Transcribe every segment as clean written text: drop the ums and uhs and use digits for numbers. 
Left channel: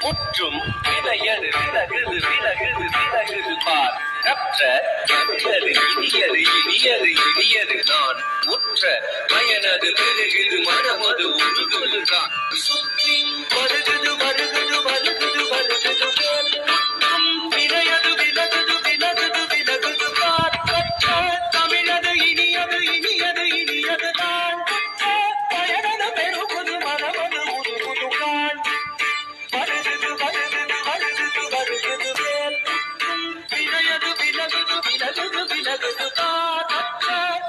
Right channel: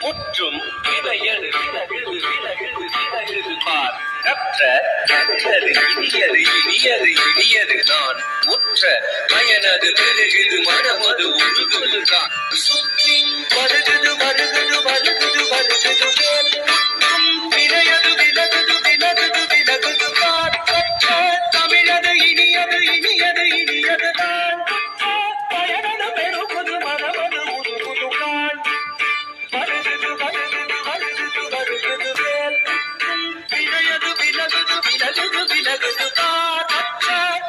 முற்றும் விளையது விலகுது விலகுது விலகுது பார் கற்ற கற்றது இனியது இனியது இனியது நான் முற்ற பயனது பெருகுது மனமது உருகுதுதான் சுற்றி வருகுது வருகுது வருகுது வருகுது விளையது விலகுது விலகுது விலகுது பார் கற்ற தமிழது இனியது இனியது இனியது தான் பயனது பெருகுது மனமது உருகுதுதான் வருகுது வருகுது வருகுது வருகுது வேல் விளையது விலகுது விலகுது விலகுது தான்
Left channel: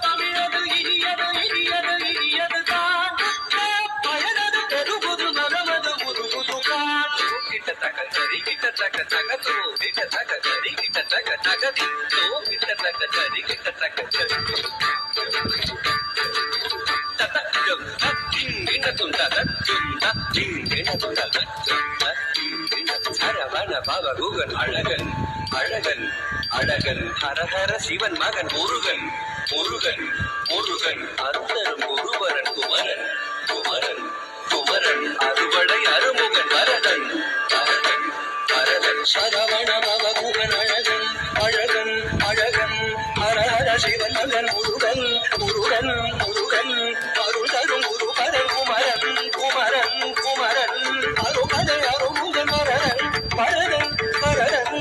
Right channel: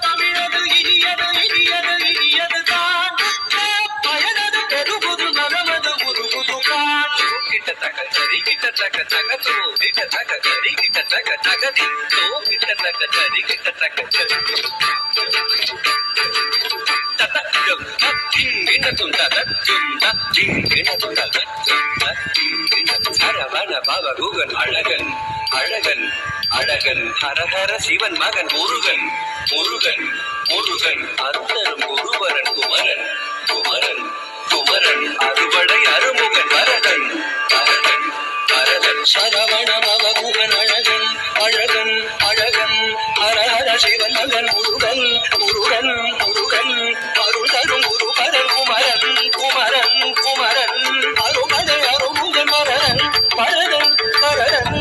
தமிழது இனியது இனியது இனியது தான் பயனது பெருகுது மனமது உருகுதுதான் கிட்ட தக சரி கிட்ட தக தக தோ கிட்ட தக சரி கிட்ட தக தகதி தோ கிட்ட தக சரி கிட்ட தக அழகன் அழகன் அழகன் ஹரஹர சிவன் மகன் முருகன் முருகன் முருகன் அருணரும் குருவரன் குமரன் குமரன் குமரன் அறுவடை அருமுகன் வரதன் வரதன் வரதன் சரவண பவகுகன் அழகன் அழகன் அழகன் ஹரஹர சிவன் மகன் முருகன் முருகன் முருகன் அருள் தரும் குருபரன் குமரன் குமரன் குமரன் அருமதை அருமுகன் வரதன் வரதன் வரதன்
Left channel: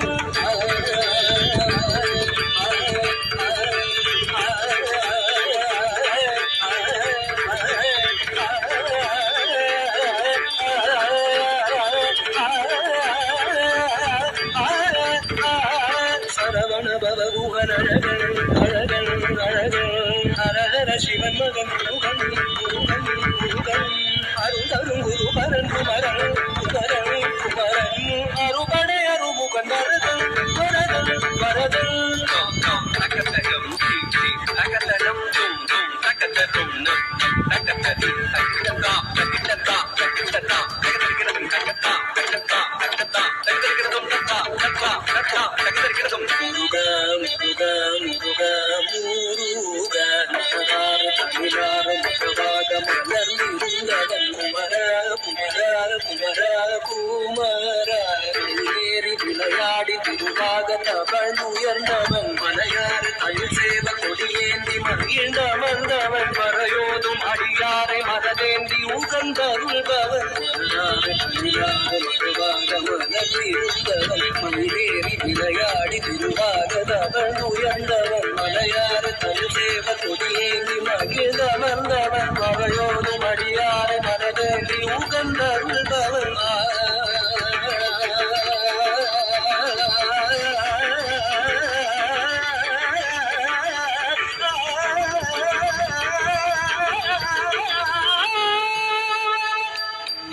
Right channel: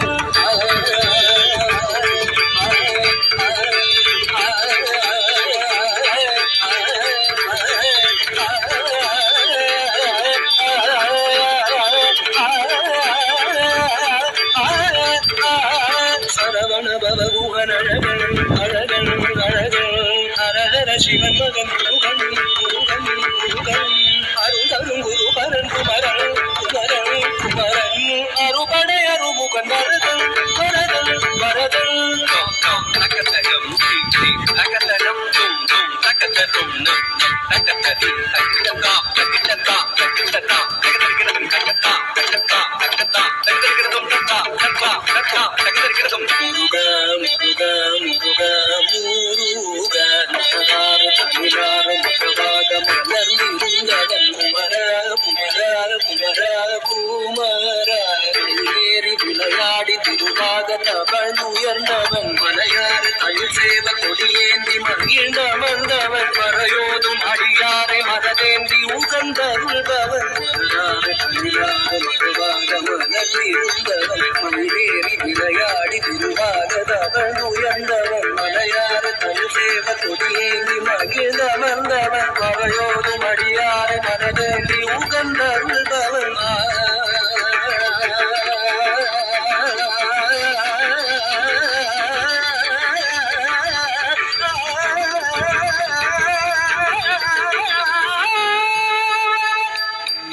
சரவண பவகுகன் அழகன் அழகன் அழகன் ஹரஹர சிவன் மகன் முருகன் முருகன் முருகன் அருள் தரும் குருபரன் குமரன் குமரன் குமரன் அருபடை அருமுகன் வரதன் வரதன் வரதன் அகத்தகம் அகத்தகம் தும் தும் அகத்தகம் அகத்ததி அகிட்டதா அகிட்டதா அகிட்டதா அகிட்டதிகிறதும் கட்டதா கட்டதா கட்டதா அகிட்டதிகிறதும் கட்டா கட்டா கட்டா அகிட்டதிகிறதும் முருகா முருகா முருகா முருகா முருகா முருகா மலர்ந்திருந்தவன் குமரா குமரா குமரா குமரா ஏறி விளையாடி திருவாக தவழ்ந்துயர்ந்தவன் மலையாறு தயில் சேவ கொடியேந்தி மகிழ்ந்தமர்ந்தவன் மறையோதும் அடியாரை மனதேந்தி உகந்தருள்பவன் மலராறு தயிலாக மறுவாக மலர்ந்திருந்தவன் மயிலேறி விளையாடி திருவாக தவழ்ந்துயர்ந்தவன் மலையாறு தயில் சேவ கொடியேந்தி மகிழ்ந்தமர்ந்தவன் மறையோதும் அடியாரை மனதேந்தி உகந்தருள்பவன்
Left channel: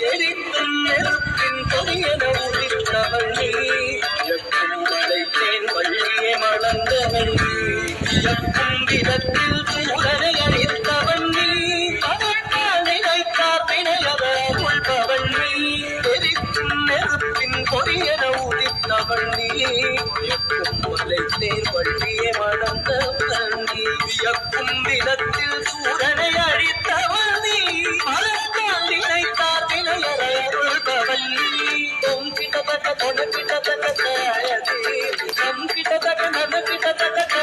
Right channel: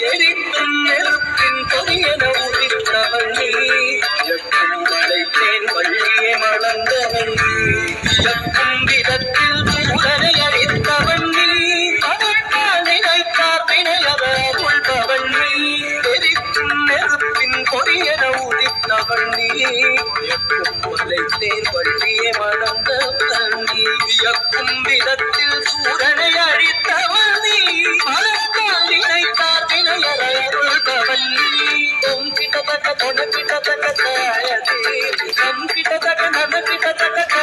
எரிக்கும் நெருப்பின் கொடியன உதித்தவன் நீ இயக்கும் வளைத்தேன் வள்ளியே மலர்ந்தவன் நீ இயக்கும் விதத்தில் சூழலை அளித்தவன் நீ அதற்கால் நினைத்தார் வினையத உள்பவன் நீ எரிக்கும் நெருப்பின் கொடியன உதித்தவன் நீ இயக்கும் வளைத்தேன் வள்ளியே மலர்ந்தவன் நீ இயக்கும் விதத்தில் சூழலை அளித்தவன் நீ அதற்கால் நினைத்தார் கிட்ட தக்க